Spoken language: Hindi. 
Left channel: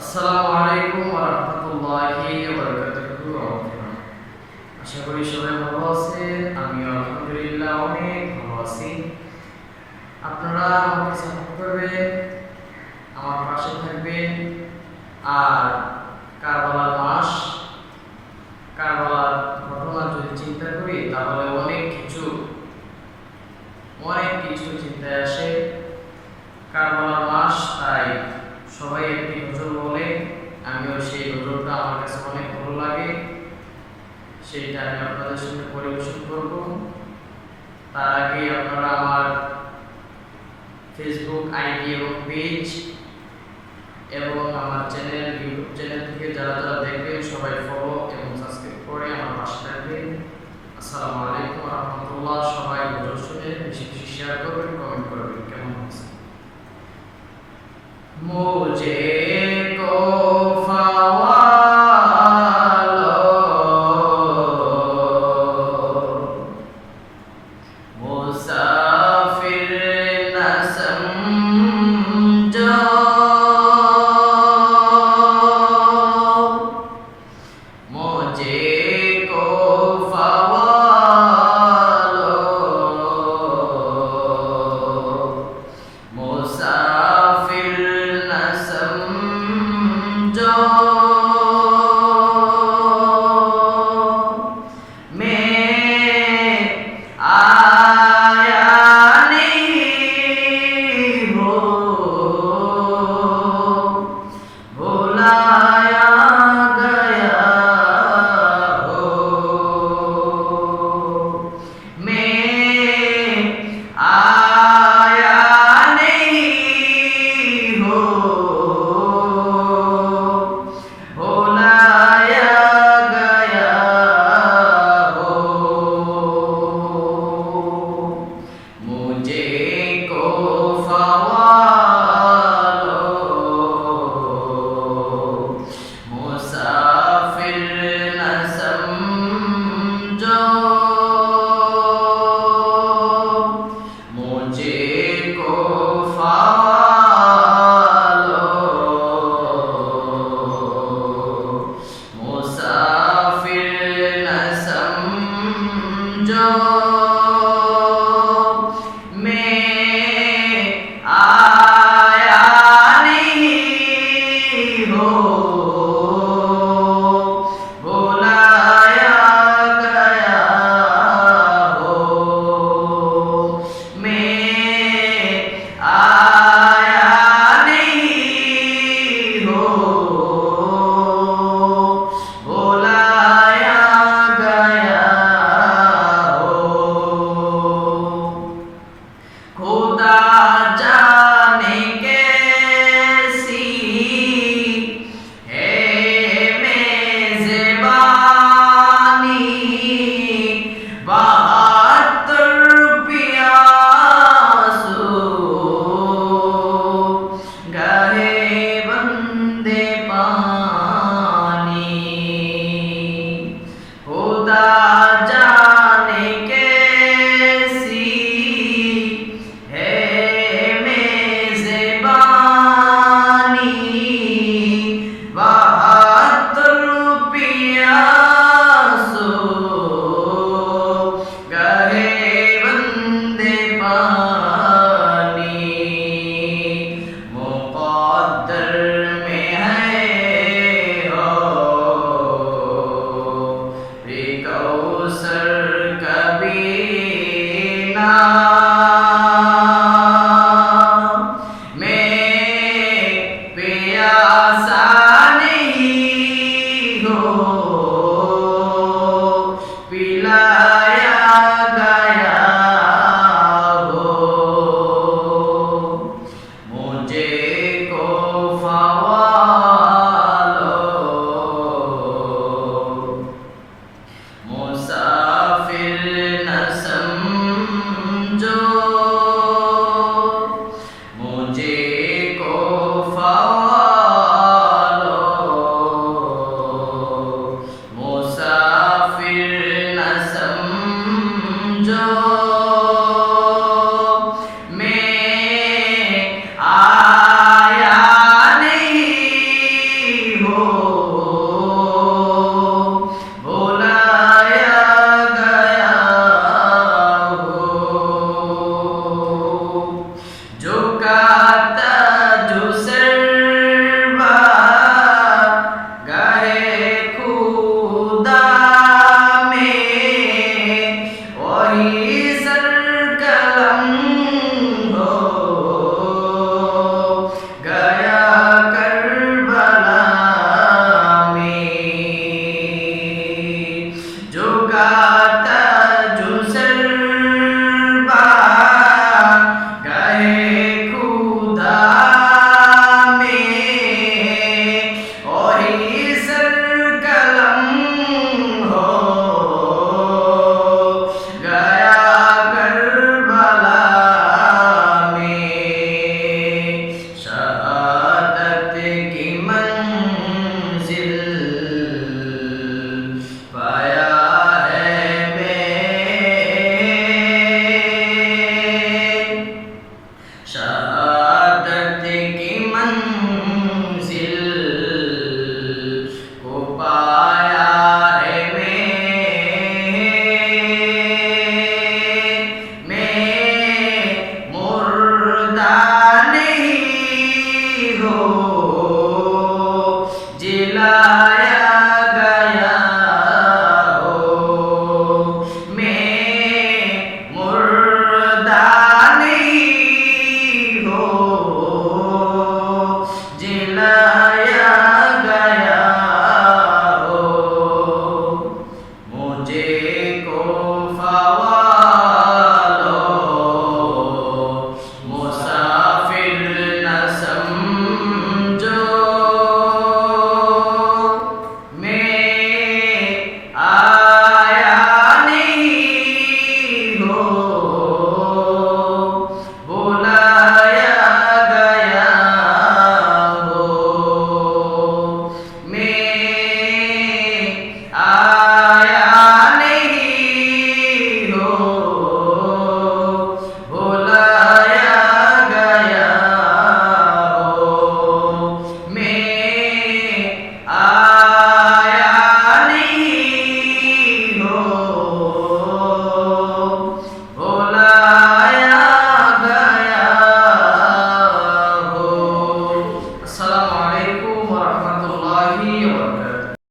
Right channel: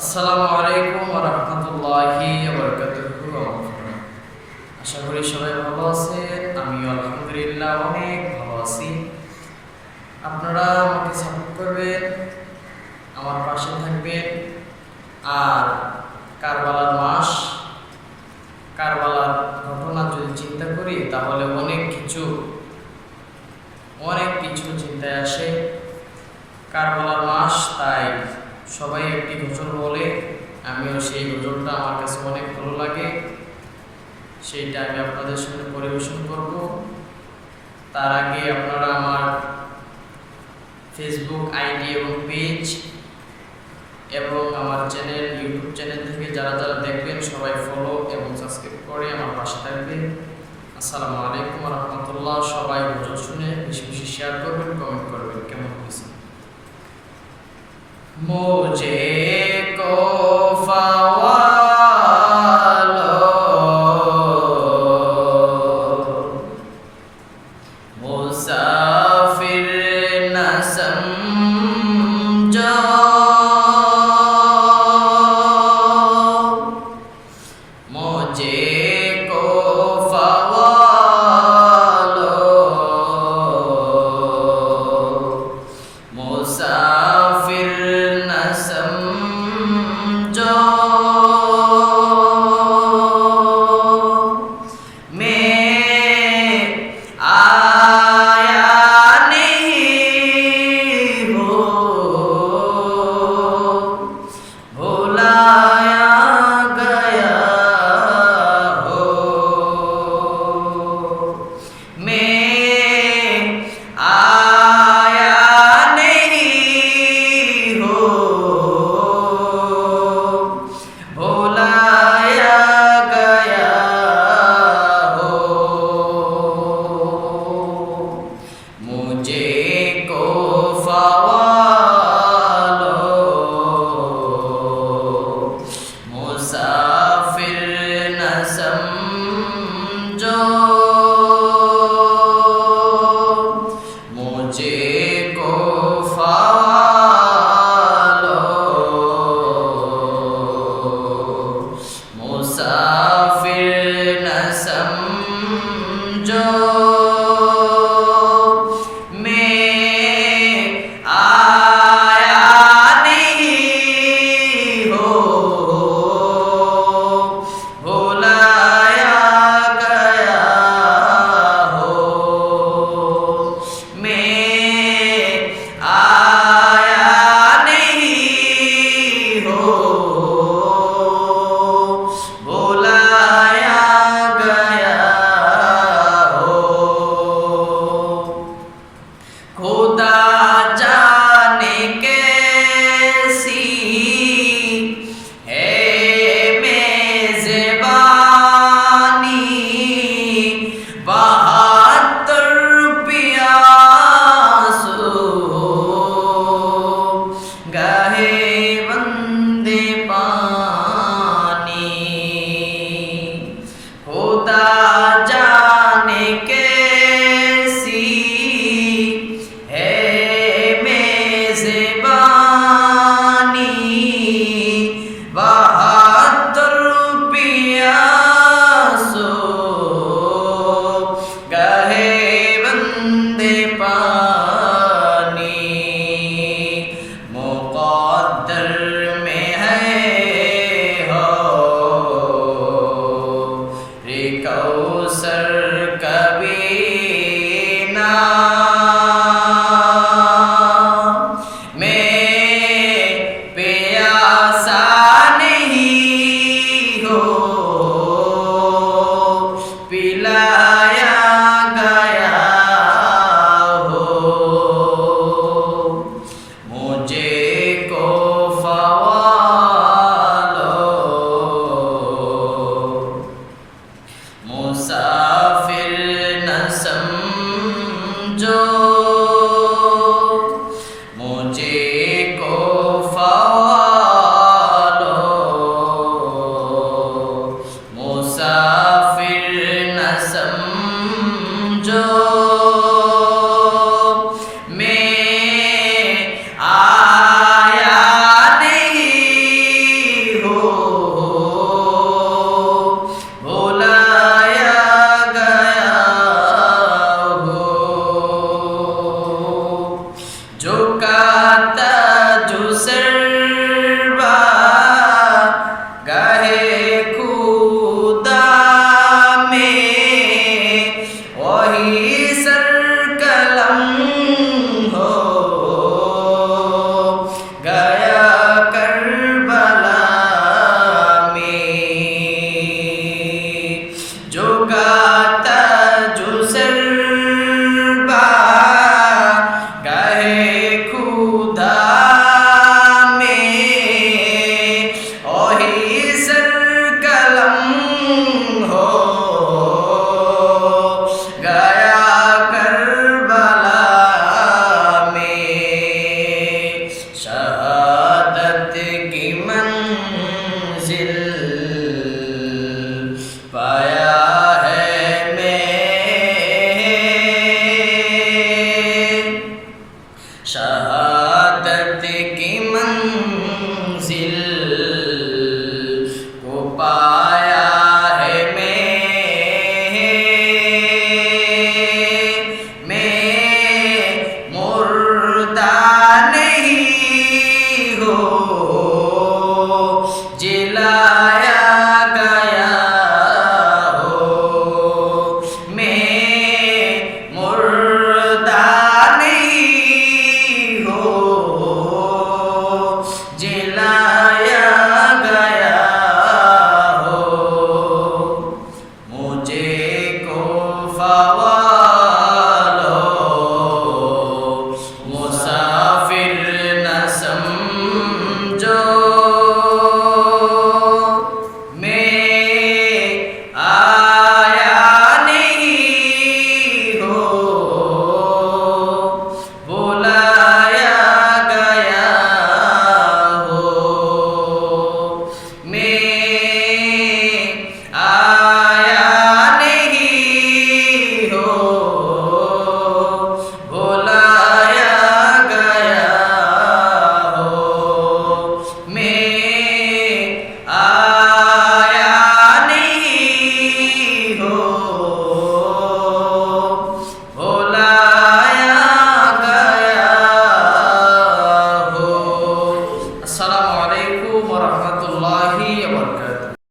আসসালামু আলাইকুম ওয়া রাহমাতুল্লাহি ওয়া বারাকাতুহু। আশা করি সবাই ভালো আছেন। আমিও আলহামদুলিল্লাহ অনেক ভালো আছি। আপনারা আমাকে সাপোর্ট করবেন, আমার পাশে থাকবেন। আর কারবালার মাস, কারবালার ঘটনা যদি চিন্তা করি তাহলে অনেক কিছু চিন্তায় আসে। কারবালার মাস, তাই সবাই একটি গজল বলে, আমিও সেই গজলটা আমার কাছে অনেক ভালো লাগে, সেইটা আমি আপনাদের সঙ্গে পরিবেশন করব। তার আগে আপনারা আমার ফেসবুক আইডি এবং পেজ এবং আমার ইউটিউব চ্যানেল থেকে যারা দেখবেন সবাই ফলো এবং সাবস্ক্রাইব করে আমার পাশে থাকবেন। আসসালামু আলাইকুম ওয়া রাহমাতুল্লাহ। সবাই গজল শুনে বেশি বেশি শেয়ার করবেন, কমেন্ট করবেন কেমন হয়েছে। मुझको फवालो मुसाफिर न समझो, मुझे को फवालो मुसाफिर समझो। मैं आया नहीं हो, भुलाया गया हो। मैं आया नहीं हो, भुलाया गया हो। मुझे को फवालो मुसाफिर न समझो, मुझे को फवालो मुसाफिर न समझो। मैं आया नहीं हो, भुलाया गया हो। मैं आया नहीं हो, भुलाया गया हो। खुदा जाने कैसी है मेज़बानी, 72 प्यासों गहे बंदे पानी। खुदा जाने कैसी है मेज़बानी, 72 प्यासों गहे बंदे पानी। मुक़द्दर में है हो रे कौसर कभी ना। मैं प्यासा नहीं हो, पिलाया गया हो। मुझे को লা